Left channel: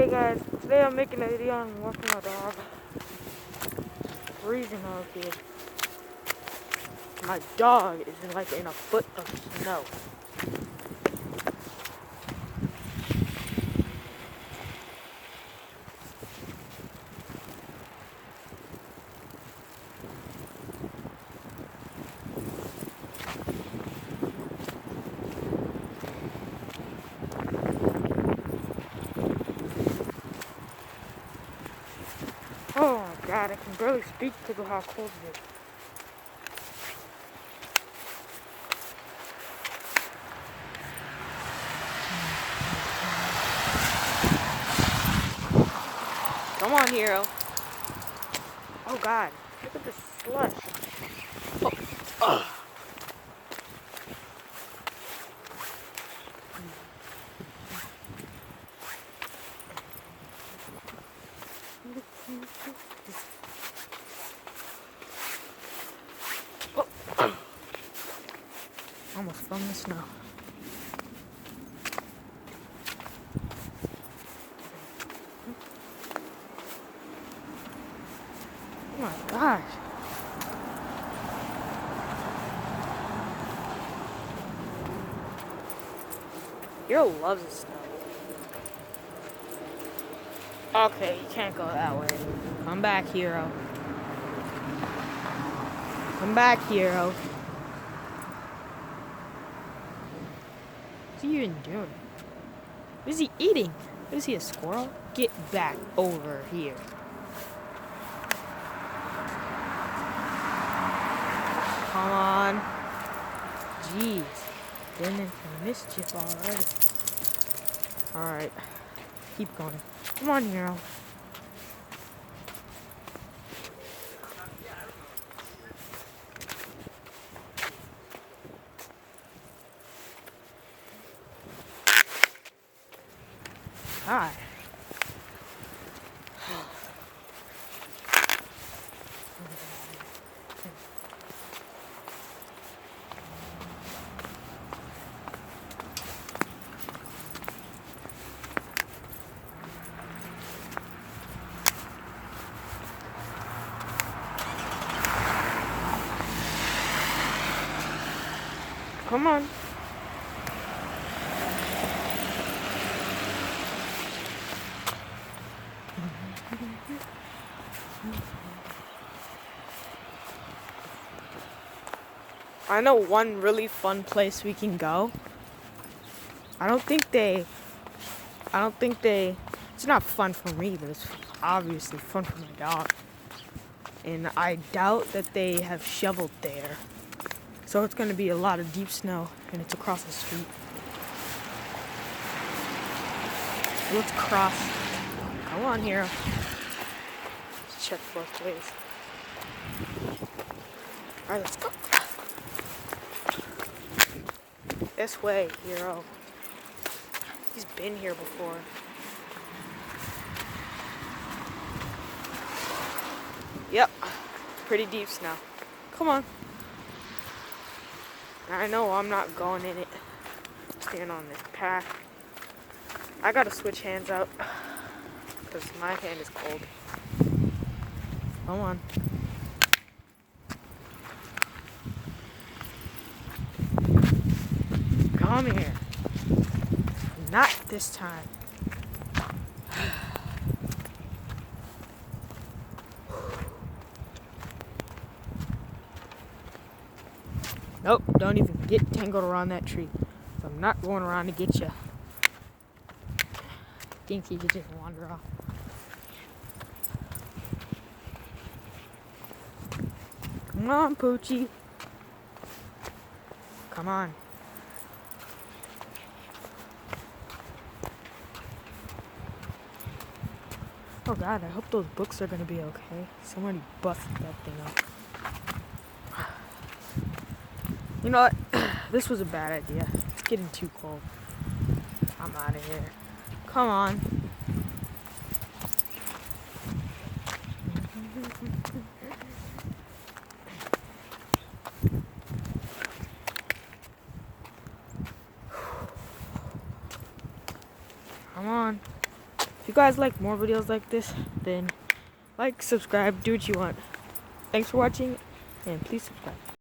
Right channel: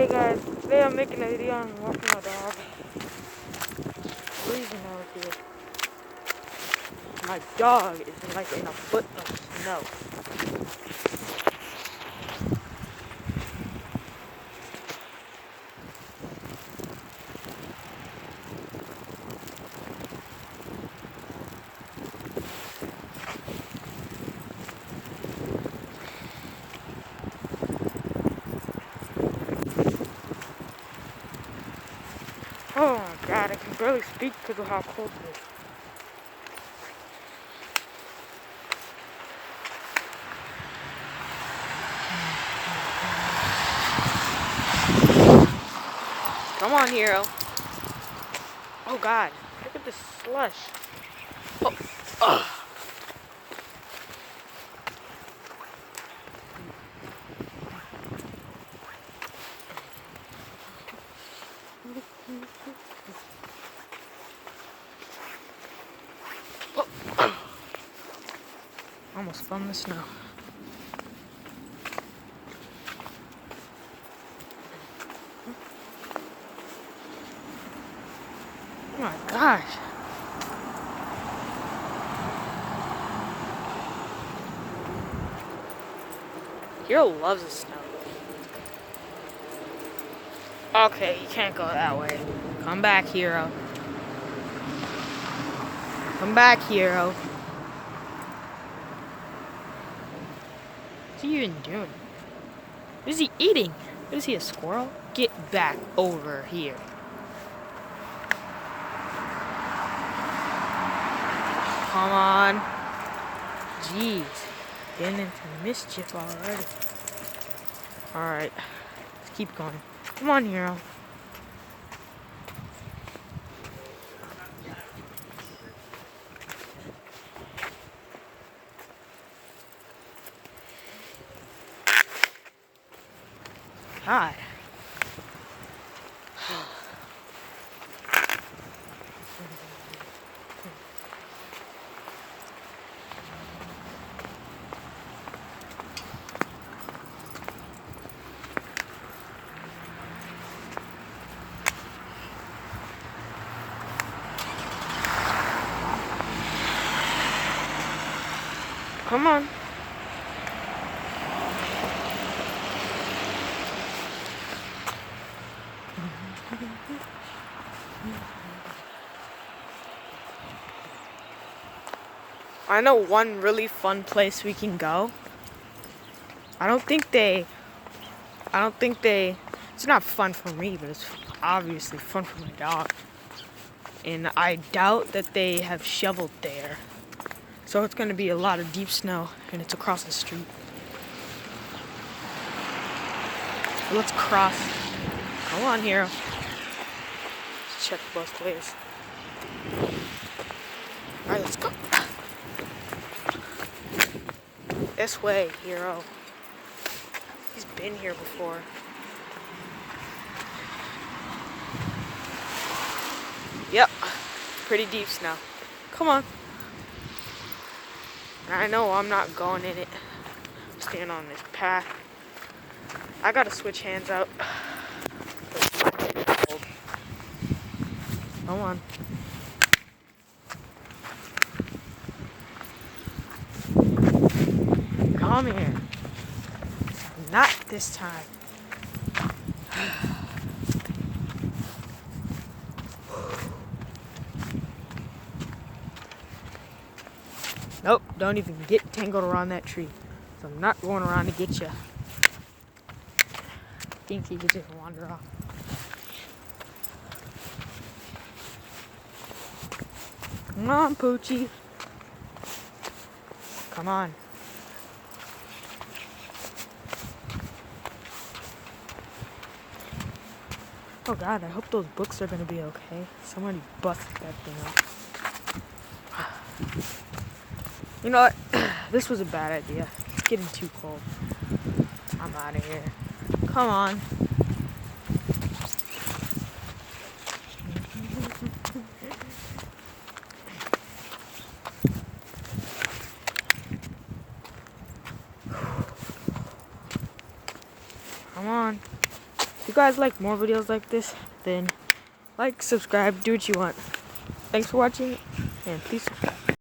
Hey guys, today I'm making a video on walking my dog. The reason is my dog is like in a foot of snow. Oh my god, I can barely speak because of how cold it is. Come on, hero. Oh god, look at this slush. Oh, ugh. Oh. Almost fell in the snow. Oh my gosh. Hero loves the snow. Okay, you can't go that way. Come back, hero. Come back, hero. What's he even doing? What is he eating? What is he, a squirrel? Get back over here. Come on. Jeez. Getting into mischief already. Alright. Let's keep going. Come on, hero. God. Come on. I know one really fun place we can go. I don't think it's not fun for me, but it's obviously fun for my dog. And I doubt that they have shoveled there. So it's gonna be a lot of deep snow, and it's across the street. So let's cross. Come on, hero. Check both ways. Alright, let's go. This way, hero. He's been here before. Yep, pretty deep snow. Come on. I know I'm not going in it. Stand on this path. I gotta switch hands out because my hand is cold. Come on. Come here. Not this time. Nope, don't even get tangled around that tree. So I'm not going around to get you. I think you could just wander off. Come on, Poochie. Come on. Oh god, I hope those books are gonna be okay. Somebody busted that thing up. You know what? This was a bad idea. It's getting too cold. I'm out of here. Come on. Come on. you guys like more videos like this, then like, subscribe, do what you want. Thanks for watching, and please subscribe.